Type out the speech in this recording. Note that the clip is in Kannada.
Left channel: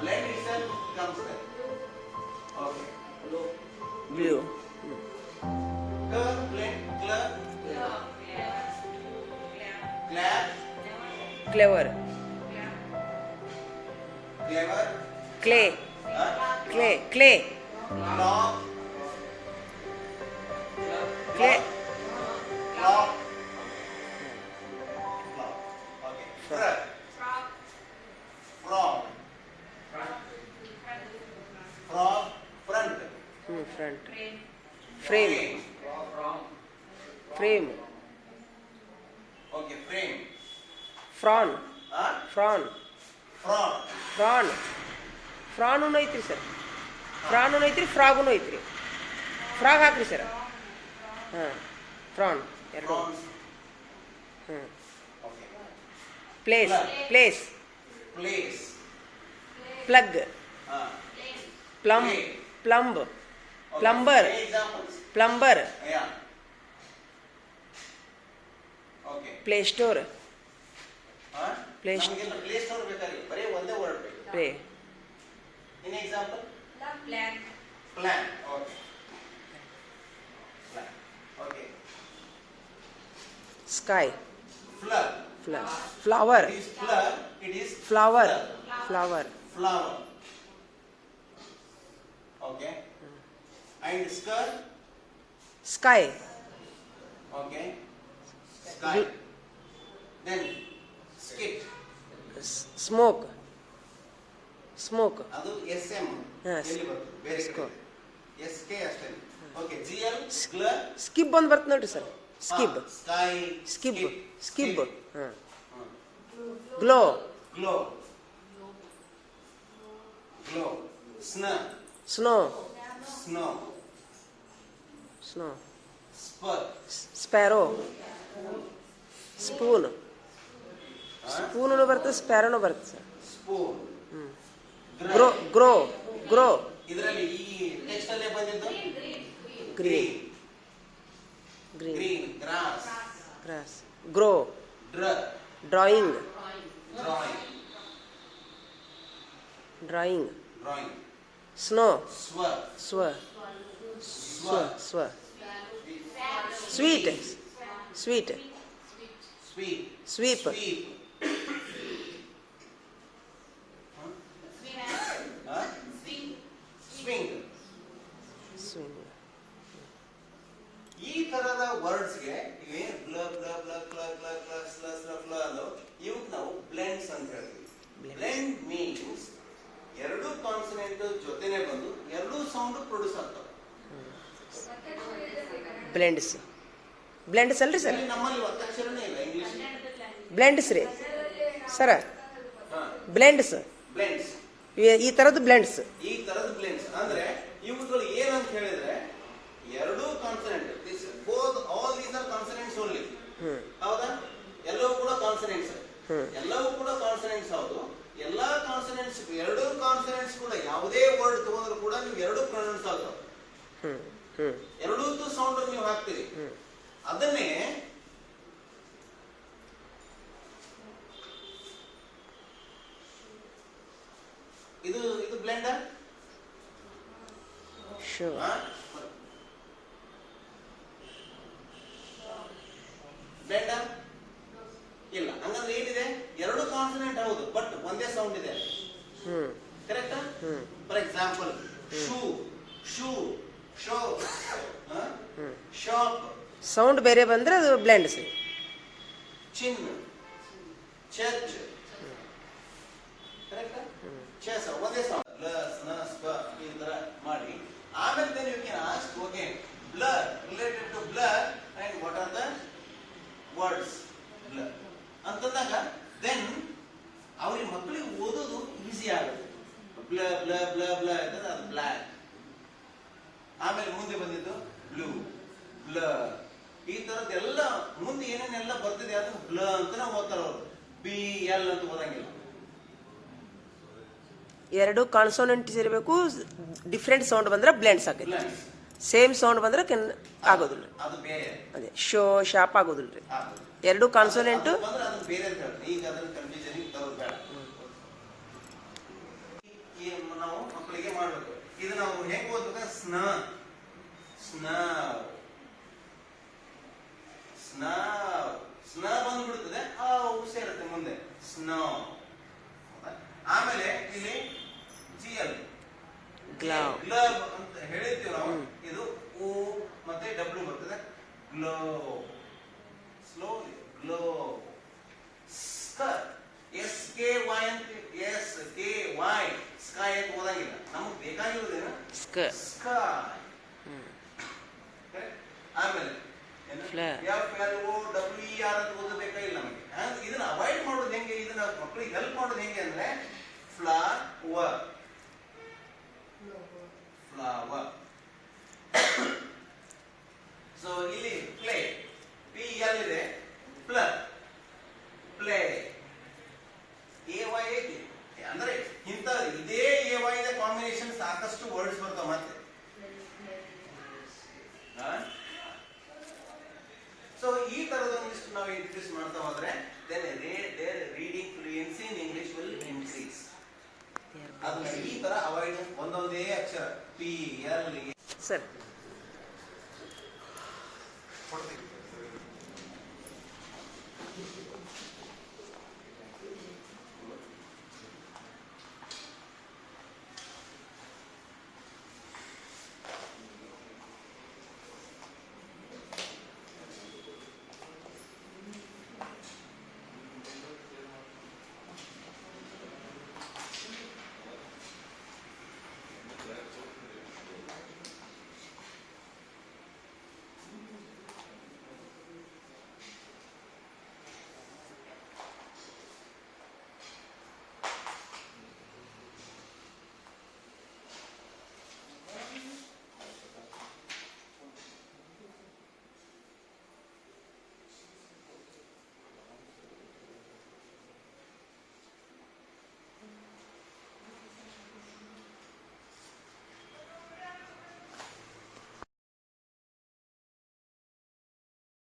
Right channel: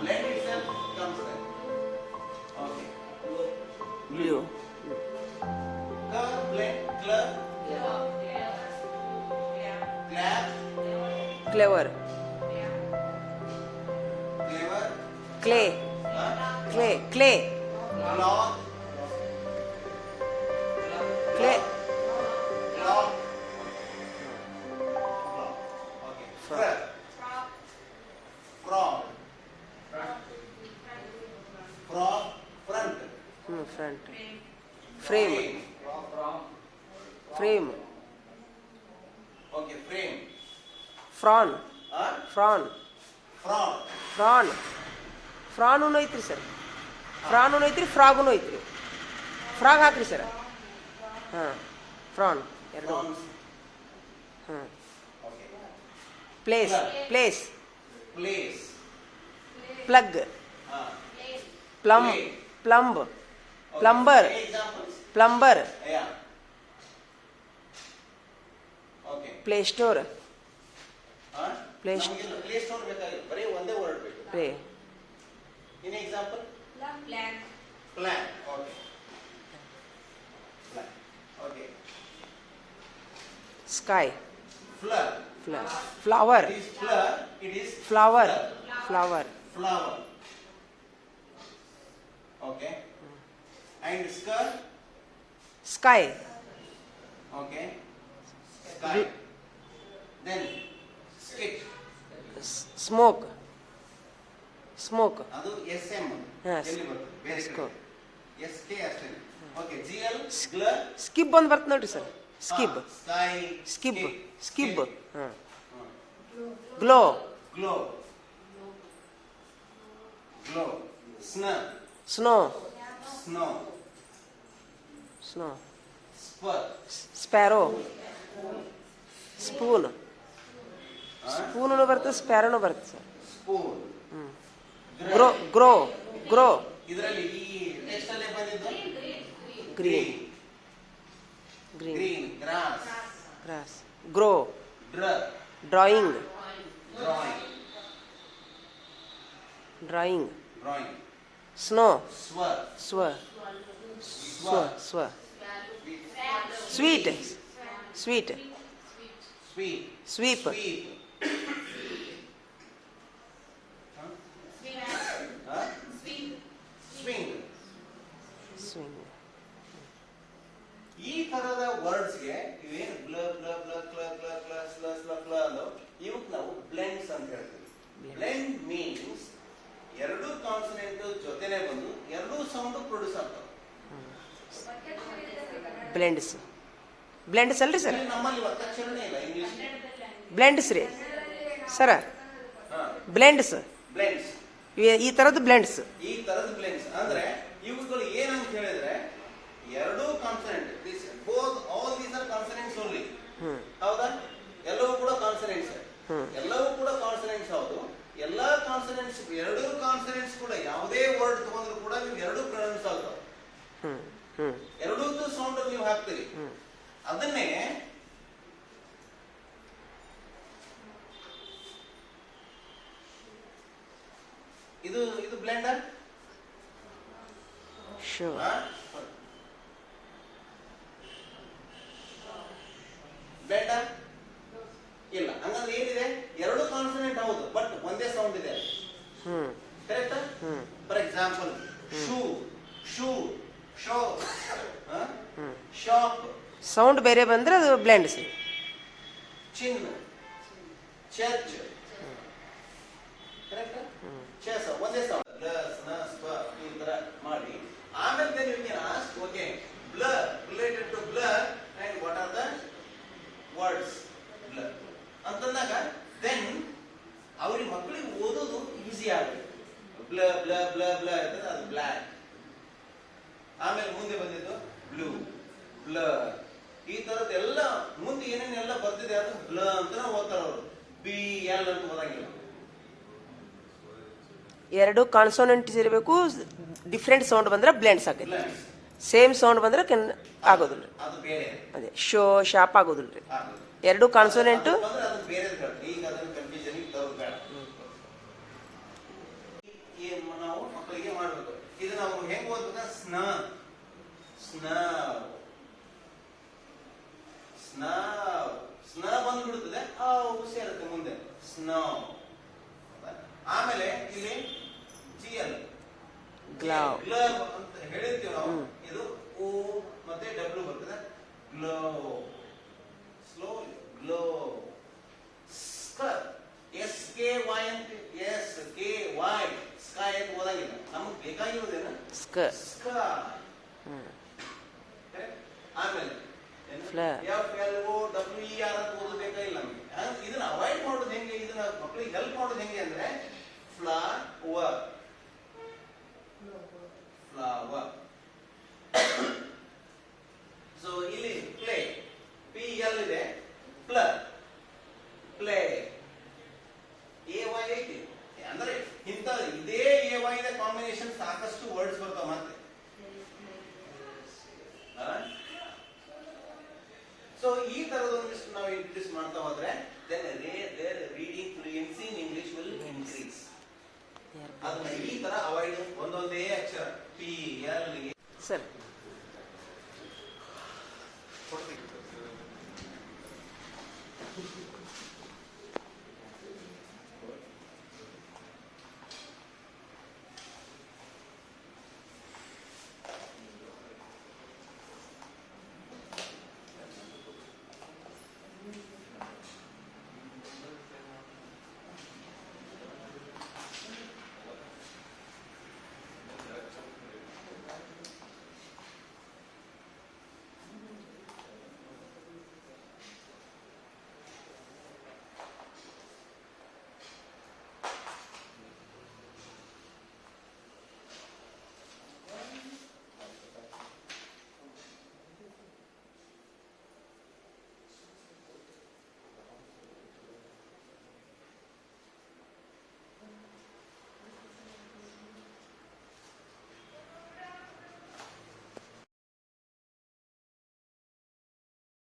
blend itself comes there. Okay. Blue. Blend, club, clap, Clever. clever, Clay. Clay. Clay. clock, Clay. clock, okay. Frog, frog, frog, front, Front. Frame. Frame. okay, frame, Prawn. Prawn. frog, Prawn. Prawn ಐತ್ರಿ ಸರ್. ಪ್ರಾನ್ ಐತ್ರಿ, ಫ್ರಾಗುನು ಐತ್ರಿ. ಫ್ರಾಗ್ ಹಾಕ್ರಿ ಸರ್. ಹಾಂ, ಪ್ರಾನ್ ಎರಡು. ಹಾಂ. Place. Place. place, plug. Plum. Plumb. Plumber. examples, plumber. yeah, okay. Play store. Play store ಬೇಕಾಗಿ ಬರೀ ಒಂದೇ ವರ್ಡ್ ಬೇಕು. Play. In example, plan, okay, plan, okay. Sky. Flower, flower. it is flower, it is flower. Flower. flower, okay. And skirt, sky. okay, sky. Then skit, smoke. Smoke. ಅದು SM Yes. ಎಲ್ಲಿ ಬರುತ್ತೆ ಬೇರೆ Scope. SK ಅಷ್ಟೇ. Okay, GL, glur, ಸ್ಕಿಬ್ ಒಂದು ಬರ್ತದೆ ನೋಡ್ರಿ ಸರ್. ಸ್ಕಿಬ್. sky, ಸ್ಕಿಬ್. ಸ್ಕಿಬ್. ಹಾಂ. Hmm. Glow. Glow, glow, snur, snow. snow, snow. spur, sparrow. Spoon. Spoon ಬರ್ತದೆ, ಸ್ಪ್ಯಾರೋನು ಬರ್ತದೆ sir. spoon, grow. Grow. Grow. ಇದರಲ್ಲಿ ಈ ಟೆಕ್ಸ್ಟ್ ಅಲ್ಲೇ ಬಂದಿದ್ದು green. Green. Green, grass, grass. Grow. ಡ್ರರ್, drawing. Drawing, drawing. Drawing, snow. ಸ್ವರ್, ಸ್ವ. ಸ್ವ. ಸ್ವ. Sweet. Sweet. Sweet, sweep. Sweep, swing. Swing. ಈ ತರದ ವರ್ಡ್ಸ್ಗೆ ಇವೇನು ಬ್ಲ ಬ್ಲ ಬ್ಲ ಕ್ಲ ಕ್ಲ ಕ್ಲ ಸ್ಲ ಸ್ಲ ಫ್ಲ ಅನ್ನೋ ಇವಕ್ಕೆ ನಾವು ಬ್ಲೆಂಡ್ಸ್ ಅಂತ ಹೇಳ್ತೀವಿ. ಬ್ಲೆಂಡ್ ಮೀನ್ಸ್ ಎರಡು ಕಾನ್ಸನೆಂಟ್ ಜೊತೆನೆ ಬಂದು ಎರಡೂ ಸೌಂಡ್ ಪ್ರೊಡ್ಯೂಸ್ ಆಗ್ತವೆ. ಬ್ಲೆಂಡ್ಸ್. ಬ್ಲೆಂಡ್ಸ್ ಅಲ್ರಿ ಸರ್? ನಮ್ಮಲ್ಲಿ ಒತ್ತಕ್ಷರನೇ ಇಲ್ಲ ಇಂಗ್ಲಿಷ್. ಬ್ಲೆಂಡ್ಸ್ ರೀ ಸರ. ಬ್ಲೆಂಡ್ಸ್. ಬ್ಲೆಂಡ್ಸ್. ಈ ತರದ್ದು ಬ್ಲೆಂಡ್ಸ್. ಈ ತರದ ಬ್ಲೆಂಡ್ಸ್ ಅಂದ್ರೆ ಇವುಗಳು ಏನಂತ ಹೇಳಿದ್ರೆ ಎರಡೂ consonant, all these are consonants only. ಹೌದಾ? ಎಲ್ಲವೂ ಕೂಡ ಕಾನ್ಸನೆಂಟ್ಸ್. ಎಲ್ಲವೂ ಕೂಡ ಕಾನ್ಸನೆಂಟ್ಸ್. ಹೌದು, ಎಲ್ಲಾ ಕಾನ್ಸನೆಂಟ್ಸ್, ಎರಡೂ ಕಾನ್ಸನೆಂಟ್ಸ್ ಕೂಡ ಯಾವುದೇ ವರ್ಡ್ ತಗೊಂಡ್ರು ಕೂಡ ನೀವು ಎರಡೂ ಪ್ರೊನೌನ್ಸ್ ಆಗ್ತವೆ. ಎರಡೂ ಸೌಂಡ್ ನೀವು ಹಾಕ್ತೀರಿ. ಅದನ್ನೇ ಇದು ಇದು ಬ್ಲೆಂಡರ್. ಬ್ಲೆಂಡರ್ ಇಲ್ಲ. ಹಂಗಂದ್ರೆ ಏನಿದೆ? ಎರಡು ಕಾನ್ಸನೆಂಟ್ ಹೌದು, ಬಟ್ ಒಂದೇ ಸೌಂಡ್ ಇದೆ. Correct? For example shoe, shoe, show, shop. Sound ಬೇರೆ ಬಂದ್ರೆ ಅದು ಬ್ಲೆಂಡ್ಸ್. ಚಿನ್, ಚರ್ಚ್. ಕರೆಕ್ಟ್? ಚೆಸ್ ಒಂದೇ ಸೌಂಡ್. ಈ ತರ ಮಾಡಿ ಆಮೇಲೆ then you can ask, okay, blur, related to blur, and what are the words blur ಅಂತಂದಾಗ then ಅವ್ರಿಗೆ ಮಕ್ಕಳಿಗೆ ಓದೋದು ಈಸಿ ಆಗುತ್ತೆ. ಬ್ಲರ್ ಬ್ಲರ್ ಬ್ಲರ್ ಬ್ಲರ್ ಅಂತಂದ್ರೆ ಅದು ಬ್ಲ್ಯಾಕ್. ಆಮೇಲೆ ಮುಂದೆ ಬಂದಿದ್ದು ಬ್ಲೂ, ಬ್ಲರ್. ಈ ತರದ್ದೆಲ್ಲ ಮುಂದೆ ಏನೇನೆಲ್ಲ ಬರ್ತಿದೆ ಅದು ಬ್ಲರ್ ಅಂತಾನೆ ಓದ್ತಾರೆ ಅವರು. BL ಅಂತ ಓದಂಗಿಲ್ಲ. ಎರಡು ಕಾನ್ಸೋನೆಂಟ್ಸ್ ಇರಬೇಕು. ಡಿಫ್ರೆಂಟ್ ಸೌಂಡ್ ಬಂದ್ರೆ ಬ್ಲೆಂಡ್ಸ್ ಆಗುತ್ತೆ. ಸೇಮ್ ಸೌಂಡ್ ಬಂದ್ರೆ ಆಗೋದಿಲ್ಲ. ಅದು ಬೇರೆ. ಅದೇ ಶೋ, ಶಾಪ್ ಆಗೋದಿಲ್ಲ ರೀ. ಎರಡು ಕಾನ್ಸೋನೆಂಟ್. ಬೇರೆ ಈಗ ಅದನ್ನ ಕನ್ಫ್ಯೂಷನ್ ತರೋದು ಬೇಡ. ಇದು ನಾವು ಹೆಂಗ್ ಓದ್ಬೇಕ ಸ್ನ ಸ್ನ ಬಂದ್ಬಿಡುತ್ತದೆ ಆ ಸೇರುತ್ತೆ ಮುಂದೆ ಸ್ನೋ. ಆಮೇಲೆ ಇಲ್ಲಿ GL ಗ್ಲೌ. ಗ್ಲವ್ ಅಂತ ಹೇಳಿರ್ತೀವಿ ನಾವು. ಇದು O ಮತ್ತೆ W ಬರ್ತದೆ. Glow slow glow. SKY ಅಂತ SKY ಸ್ಕೈ ಅಂತ ಓದಂಗಿಲ್ಲ. ನಮಗೆ ಬೇಕಾಗಿರೋದೇನು ಸ್ಕ. ಸ್ಕೈ. ಆಮೇಲೆ ಫ್ಲರ್. FLOWER ಅಂತ ಓದಬೇಕಾಗಿಲ್ಲ ನಮಗೆ. ಇದನ್ನ ಅವಾಯ್ಡ್ ಮಾಡೋದು ಹೆಂಗೆ, ಇದನ್ನ ಮಕ್ಕಳಿಗೆ ಹೆಲ್ಪ್ ಮಾಡೋದು ಹೆಂಗೆ ಅಂದ್ರೆ ಫ್ಲವರ್ ಸೊ ಇಲ್ಲಿ ಪ್ಲೇ PL ಇದೆ, ಪ್ಲೇ AY ಐತಿ. ಅಂದ್ರೆ ಇಂಥ ಇದೇ AY ದ ಕಾಂಬಿನೇಷನ್ ಸಾಕಷ್ಟು ವರ್ಡ್ಸ್ ಬರ್ತಾವ ಮತ್ತೆ. ಸೊ ಈ ತರದೊಂದಿಷ್ಟು ನಾವು ಇಂಟ್ರೊಡ್ಯೂಸ್ ಮಾಡ್ತಾ ಹೋದ್ರೆ then their reading fluency in English will increase. ಅದನ್ನ ಈ ತರ ಅವಾಯ್ಡ್ ಒಂದೊಂದೇ ಅಕ್ಷರ PL ಸರಿ.